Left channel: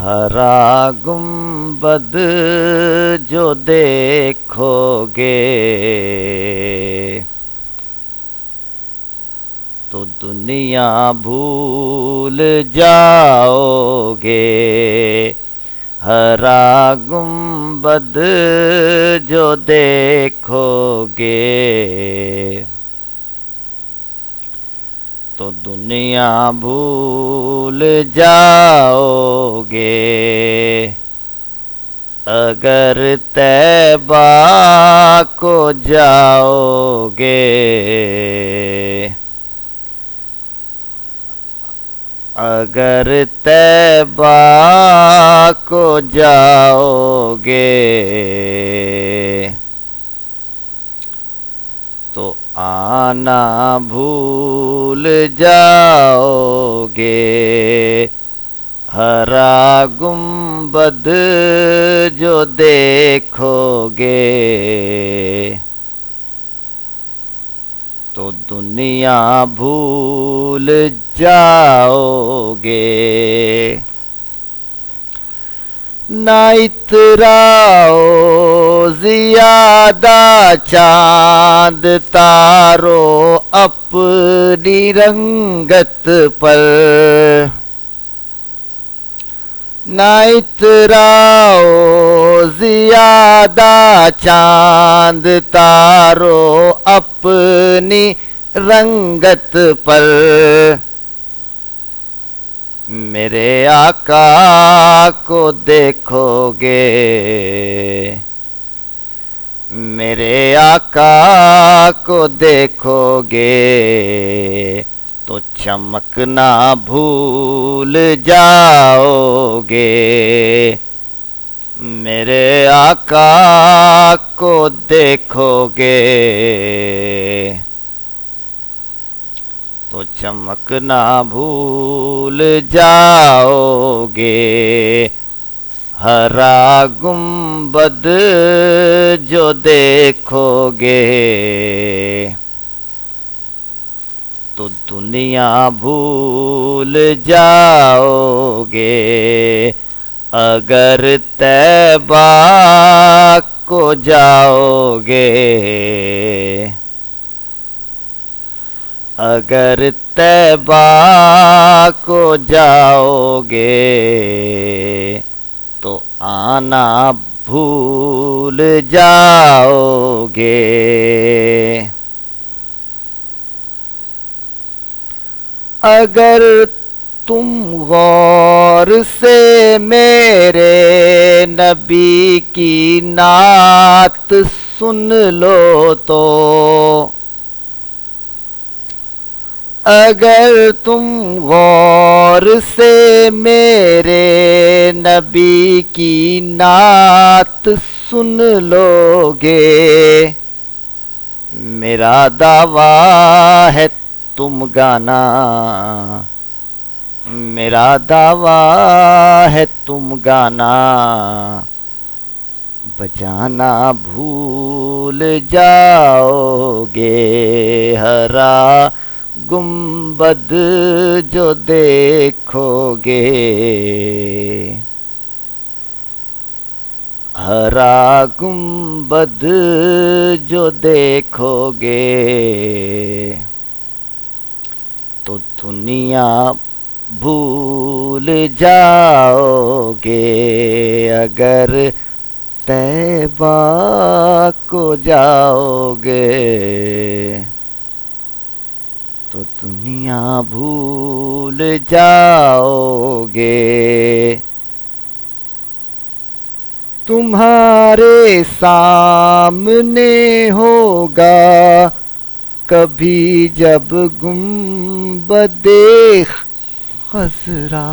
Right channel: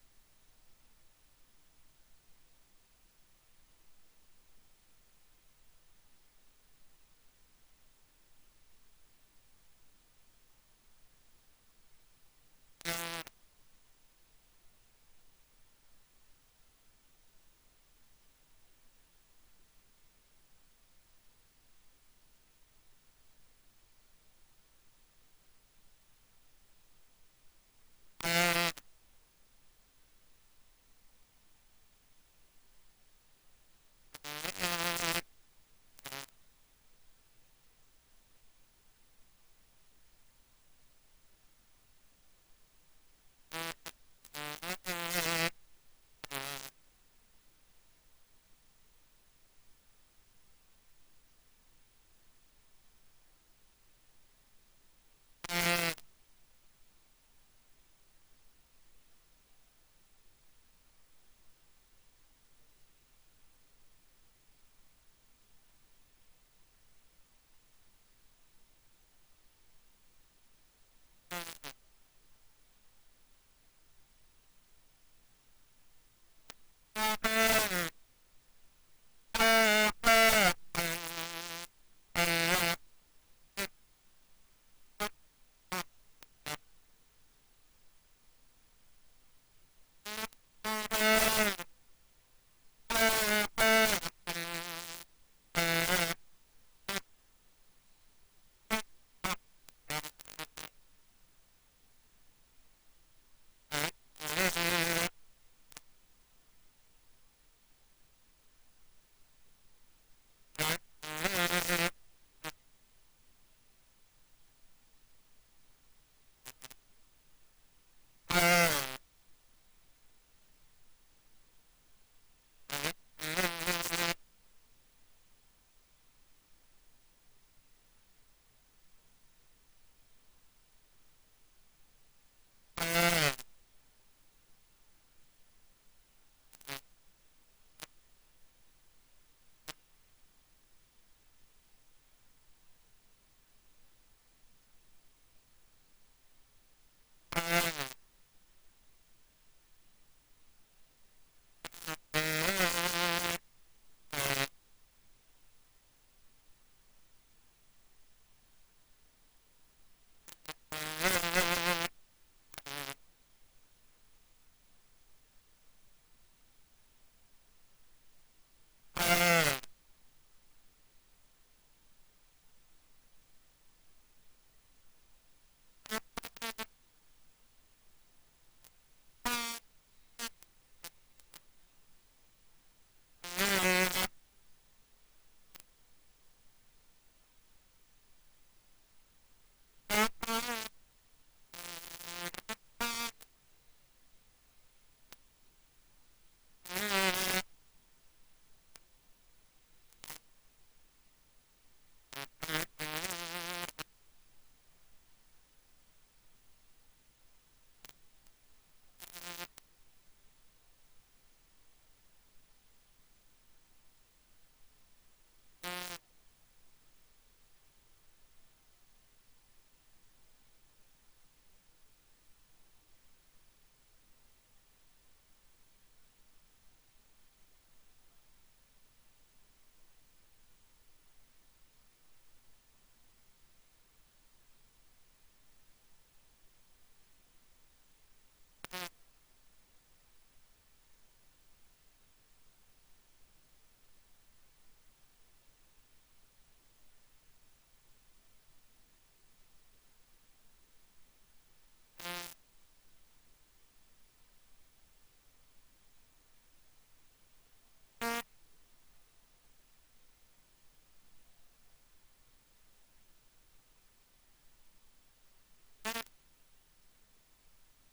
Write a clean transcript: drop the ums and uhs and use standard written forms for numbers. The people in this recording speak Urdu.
ہرا گنبد جو دیکھو گے تو دنیا بھول جاؤ گے. ہرا گنبد جو دیکھو گے تو دنیا بھول جاؤ گے. اگر طیبہ کو جاؤ گے اگر طیبہ کو جاؤ گے تو آنا بھول جاؤ گے. ہرا گنبد جو دیکھو گے تو دنیا بھول جاؤ گے. نہ اتراؤ زیادہ چاند تارو اپنی رنگت پر. نہ اتراؤ زیادہ چاند تارو اپنی رنگت پر. میرے آقا کو دیکھو گے میرے آقا کو دیکھو گے تو چمکنا بھول جاؤ گے. میرے آقا کو دیکھو گے تو چمکنا بھول جاؤ گے. ہرا گنبد جو دیکھو گے تو دنیا بھول جاؤ گے. اگر طیبہ کو جاؤ گے اگر طیبہ کو جاؤ گے تو آنا بھول جاؤ گے. اگر تم غور سے میرے نبی کی نعت سن لو تو اگر تم غور سے میرے نبی کی نعت سن لو گے میرا دعویٰ ہے تم گانا میرا دعویٰ ہے تم گانا بجانا بھول جاؤ گے. ہرا گنبد جو دیکھو گے ہرا گنبد جو دیکھو گے تو دنیا بھول جاؤ گے. اگر طیبہ کو جاؤ گے تو دنیا بھول جاؤ گے. تمہارے سامنے ہوگا کبھی جب گنبد خضرا